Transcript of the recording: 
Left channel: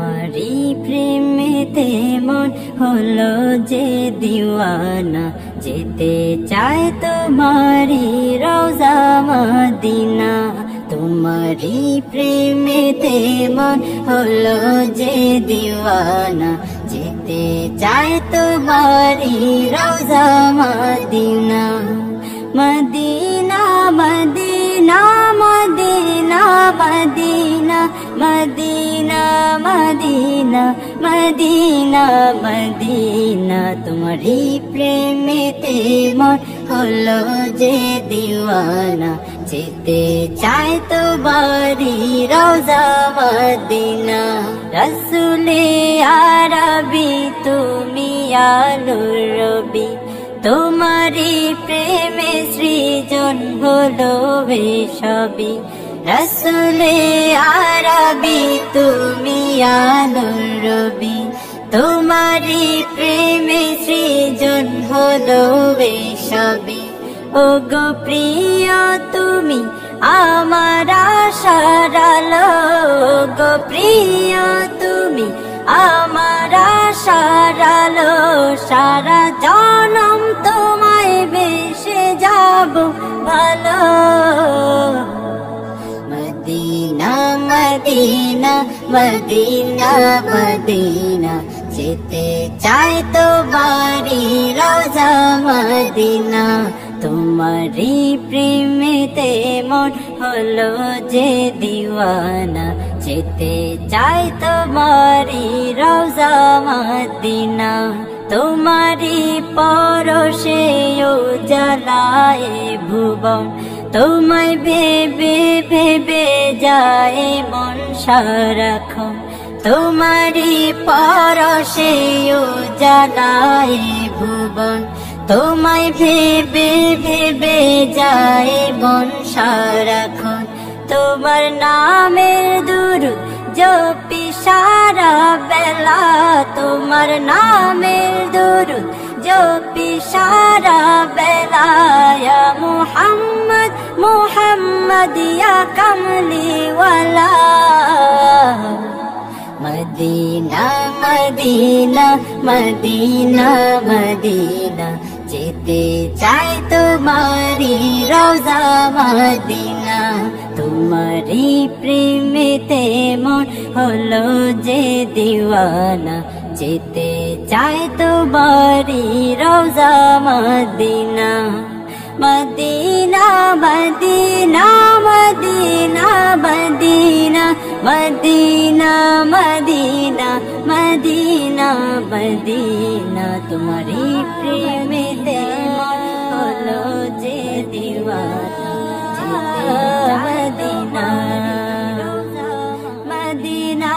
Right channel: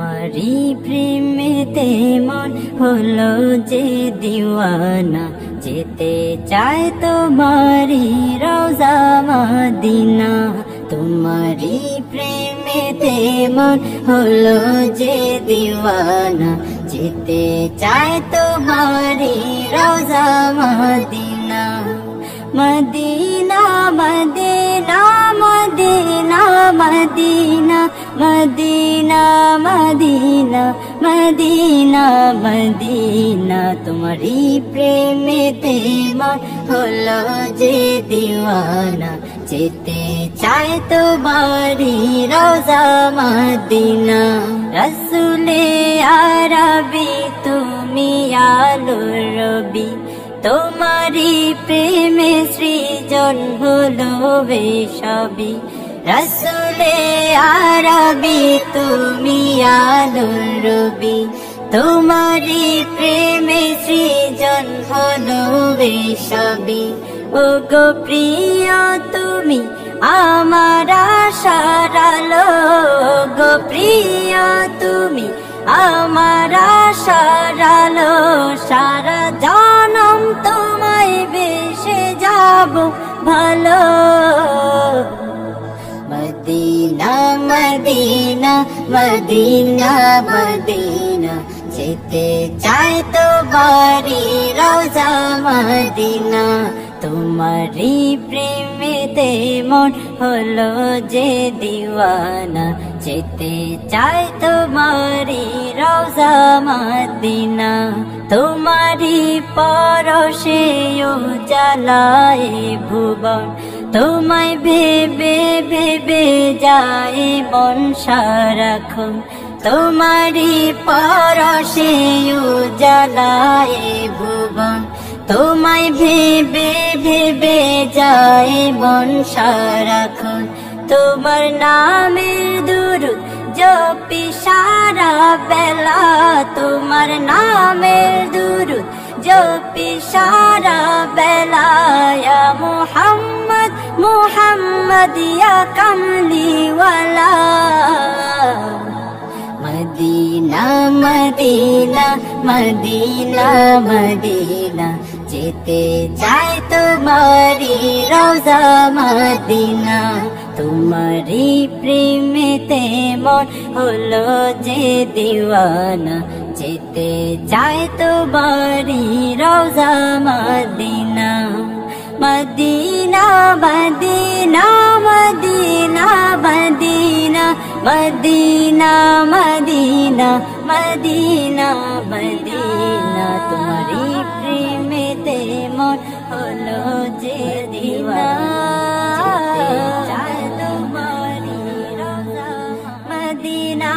তোমারি প্রেমেতে মন হলো যে দিওয়ানা, যেতে চায় তোমারি রওজা মদিনা। তোমারি প্রেমেতে মন হলো যে দিওয়ানা, যেতে চায় তোমারি রওজা মদিনা। মদিনা মদিনা মদিনা মদিনা মদিনা মদিনা মদিনা মদিনা। তোমারি প্রেমেতে মন হলো যে দিওয়ানা, যেতে চায় তোমারি রওজা মদিনা। রসুলে আরবি তুমি আলোর রবি, তোমারি প্রেমে সৃজন হলো সবই। রসুলে আরবি তুমি আলোর রবি, তোমারি প্রেমে সৃজন হলো সবই। ও গো প্রিয় তুমি আমার আশার আলো, গো প্রিয় তুমি আমার আশার আলো। সারা জনম তোমায় বেসে যাব ভালো। মদিনা মদিনা মদিনা মদিনা, যেতে চাই তোমারি রওজা মদিনা। তোমারি প্রেমেতে মন হলো যে দিওয়ানা, যেতে চাই তোমারি রওজা মদিনা। তোমারি পরশে উজালায় ভুবন, তোমায় ভেবে ভেবে যায় মন সারাক্ষণ। তোমারি পরশে উজালায় ভুবন, তোমায় ভেবে ভেবে যায় মন সারাক্ষণ। তোমার নামের দুরূদ জপি সারা বেলা, তোমার নামের দুরূদ জপি সারা বেলা। ইয়া মুহাম্মদ মুহাম্মদ ইয়া কামলিওয়ালা। মদিনা মদিনা মদিনা মদিনা, যেতে চাই তোমারি রওজা মদিনা। তোমারি প্রেমেতে মন হলো যে দিওয়ানা, যেতে চাই তোমারি রওজা মদিনা। মদিনা মদিনা মদিনা মদিনা মদিনা মদিনা মদিনা মদিনা। তোমারি প্রেমেতে মন হলো যে দিওয়ানা, মদিনা